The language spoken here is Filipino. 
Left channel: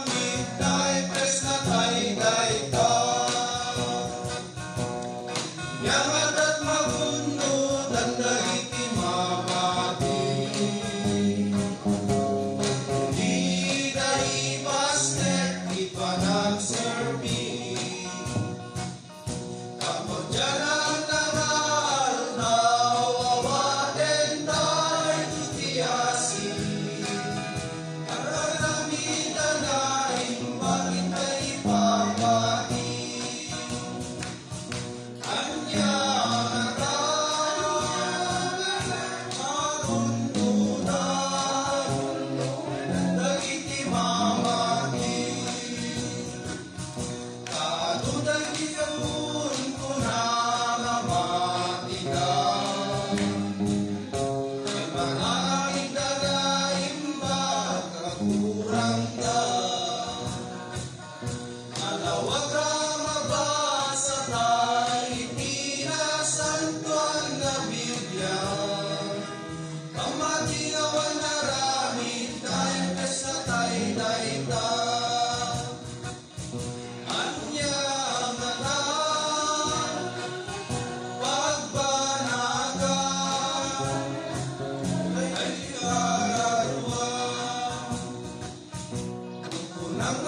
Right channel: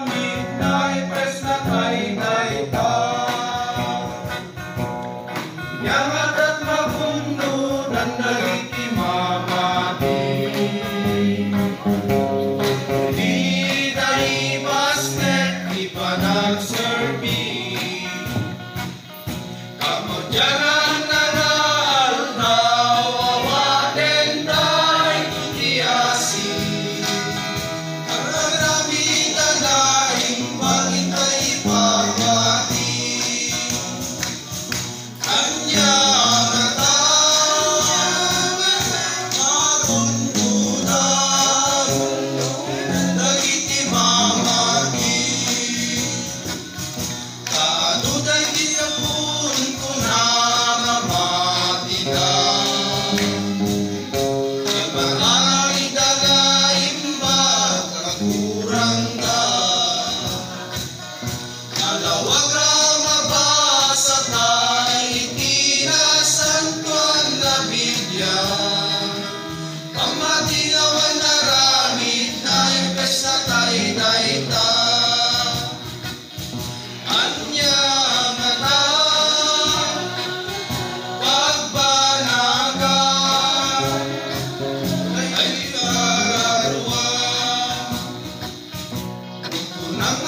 Midnight press na tay-tay-ta. Yamat at magundod ang nagikimamati. Di tayo masnet, di pa nag-survey. Kamot dyan ang nag-aaldaw, awaten tayo kutiyasi. Ang nagramit ang laing bagay tayo ipagwati. Kanya magundudan, nagitimamagi. Kaduday kinapun ko na namatidan. Nagpangalangin dalaim ba kakurang da. Nalawag rama ba sa tayo tinasantuan na Biblia. Pamatingawan na ramit na impes na tay-tay-ta. Anya nga na pagbanagan ay kararuan. Unang